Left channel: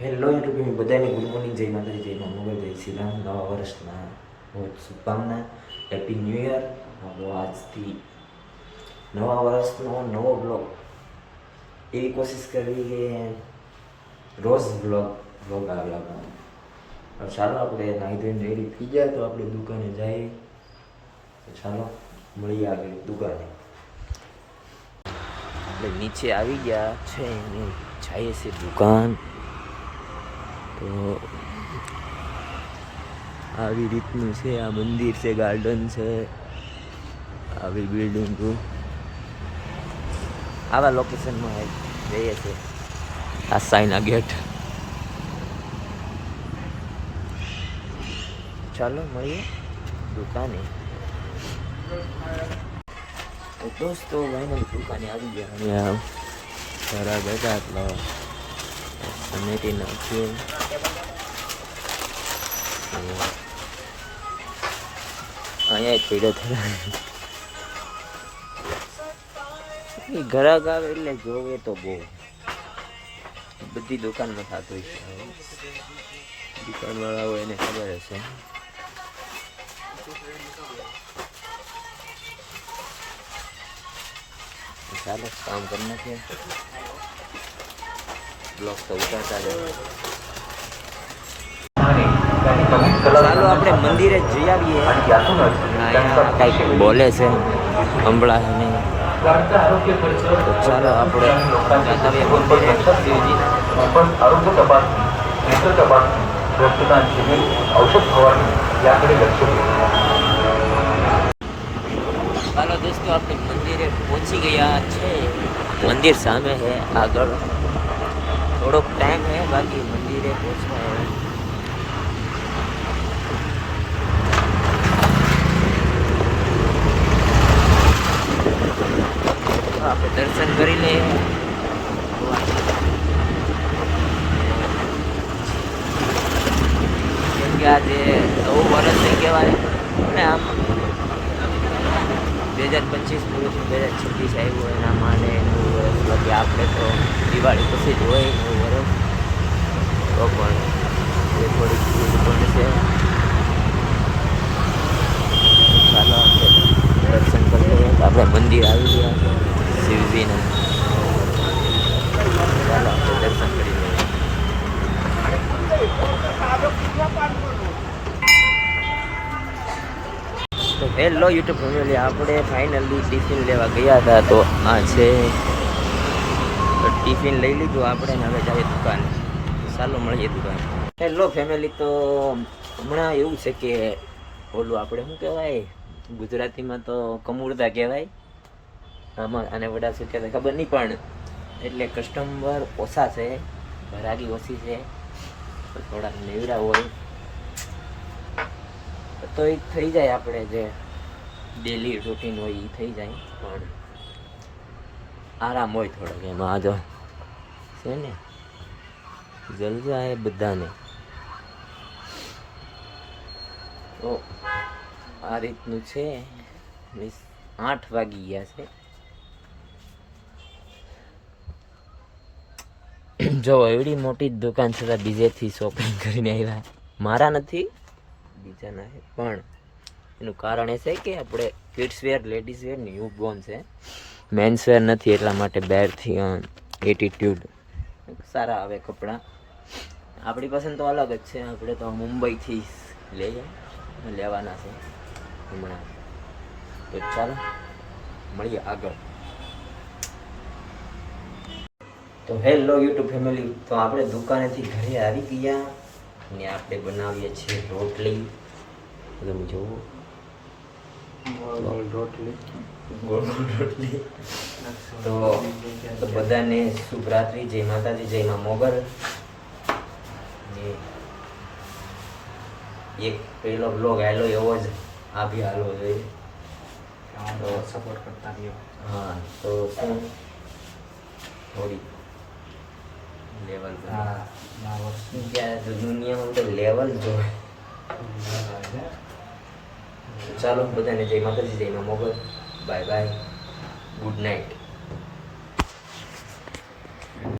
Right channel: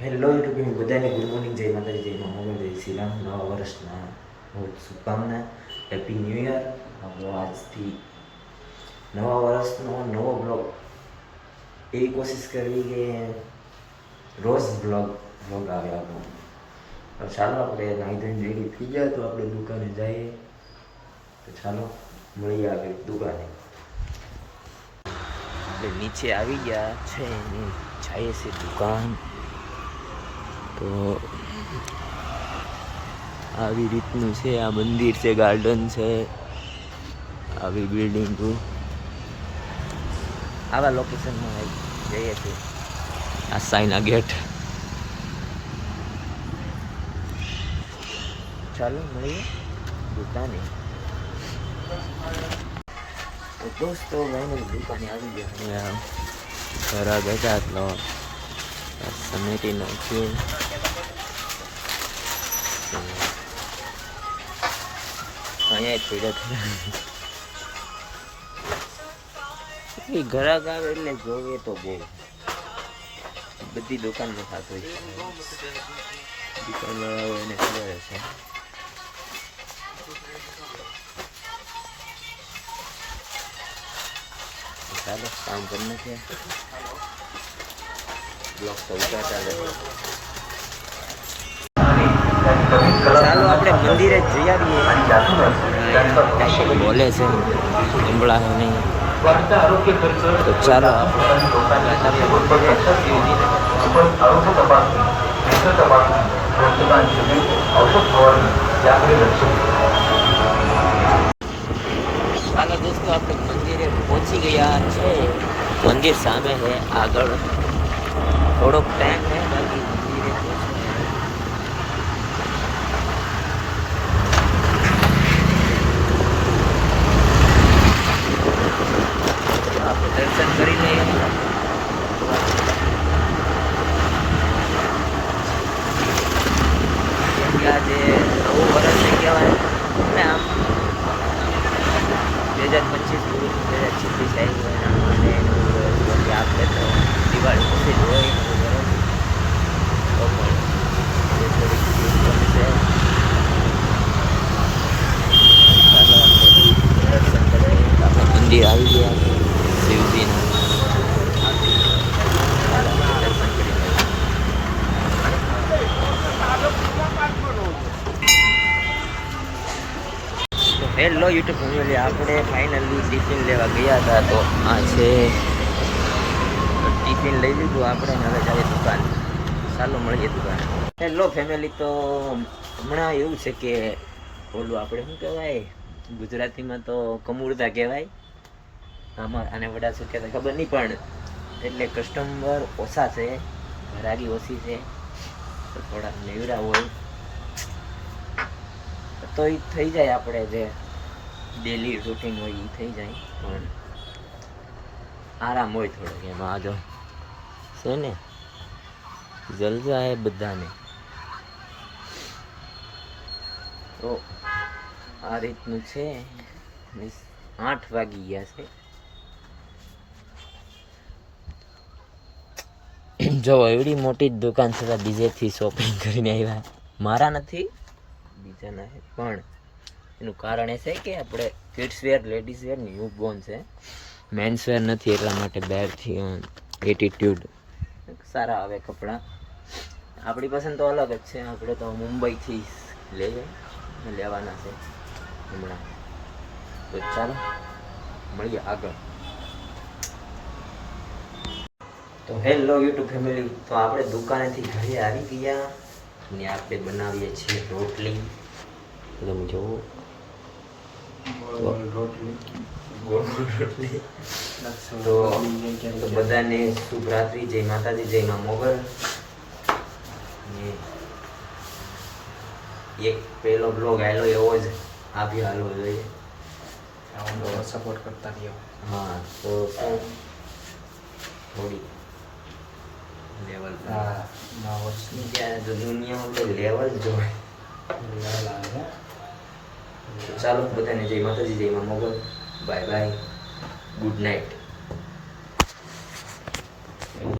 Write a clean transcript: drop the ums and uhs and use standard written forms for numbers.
Hello YouTube બધાને good morning, જય માતાજી, જય મા મોગલ, જય શ્રી રામ. નવા વર્ષના बहुत શુભકામના, હેપી ન્યૂ યર. આપણો આજથી નવા વર્ષનો નવો બ્લોગ એવી કોશિશ કરવી કે રોજ બ્લોગ આવે આપણો. ચાલો આપણે નાહી ધોઈને રેડી થઈ જાય તો આપણે દુકાને જઈએ. તો ચાલો મળીએ આગળ દુકાને. આપણે નીચે આવી ગયા છે, જઈએ છીએ દુકાન. તો આવી રીતનું છે, આ મંદિર છે, ગાર્ડન છે, આવી બિલ્ડિંગો આવા લોકેશનમાં જઈએ છીએ. આ સાઈના ગેટ. ચાલો મળીએ દુકાને. તો દોસ્તો ભાઈ દુકાને આવી ગયા. ખરા ગયા એટલો સમેટી નાખ્યું. અહીંયા પીડે થઈ ઘરાક આવે એટલે જોવે તો બહુ બધી દુકાનમાં થતું હોય છે. દુકાનવાળા હોય એને ખબર હશે. ચાલો કામ કરી નાખીએ. બ્લોક તો ઉતારતા જ. ચાલો આપણે મંદિરે જઈ આવીએ. કંઈક બોલે છે, સંભળાશે નહીં. તો ચાલો આપણે મંદિરે. ચાલો દોસ્તો આપણે મંદિરે પહોંચી ગયા છે. મંદિર સામે છે, આગળ થોડોક ટાઈમ છે બાકી મંદિરે પહોંચે. આપણે દર્શન કરી લઈએ. કેમ કે આજે નવું વર્ષ કહેવાય ને, આમ 2025 પૂરું 2026 આવ્યું એના માને નવું વર્ષ. બાકી આપણે તો દિવાળી પછી જ હોય નવું વર્ષ. તો પણ થોડીક ભીડ પણ છે. ચાલો આપણે દર્શન કરીએ. આપણા મંદિર આવી ગયા છે શિવજીના. ચાલો આપણે દર્શન કરી લઈએ. તો હેલો યુટ્યુબ ફેમિલી, આપણે ફાઇનલી ટિફિન લેવા ગયા હતા. તો આ છે, તો ટિફિન લઈ લીધું આપણે ને હવે જઈએ દુકાન. ચાલો મળીએ દુકાન. હેલો ફેમિલી, તો હમણાં એવું છે કે ઓલું આપણે શું કહેવાય ગુજરાતીમાં તો કમુરદા કહેવાય આમાં, અને બધા શું કહેવાય ખબર નહીં, પણ એટલે કસ્ટમર ઓછા છે, ઘરાગી ઓછી છે, તો થોડાક નેવરા હોય તો એ થઈ જાય. આપણે જે ડેલી રૂટીન હોય એ થઈ જાય, પણ આરામ હોય થોડોક એમાં. આ જો છે ને જલસા એ બધાને. તો આ રીતનું છે. 8 વાગી ગયા છે. જો એવડી મોટી દુકાન છે, બીજેથી શોપિંગ કરીને આવ્યા. મારા નથી, બીજાના છે. પણ એનું કારણ એ છે કે આપણે kids wear, ladies wear, newborn છે, મેન્સ વેર નથી. એટલા માટે બહારથી એટીટ્યુડ સારા આવે કપડાં. આપણી પસંદ તો અલગ જ છે. આપણે તો મુંબઈથી લેવાના છે હમણાં. તો ચાલો મળીએ આગળ. તો હેલો યુટ્યુબ ફેમિલી, તો આપણે દુકાનેથી ઘરે આવી ગયા ને આપણે બનાવીએ છીએ રોટલી. તમે જોવો રોટલી. તો બધાને શુભ રાત્રિ, જય માતાજી, જય મા મોગલ. એક પહેલો બ્લોગ આવેલો એવો જ આ બી હાલો જોઈએ. સપોર્ટ કરતા રહ્યો. હા, તો શું થોડી લેવલ ત્યારે તો દુનિયામાં લેવલ જોવે. ચાલો બધાને જય માતાજી, જય મા Mogal. Bye bye, good night.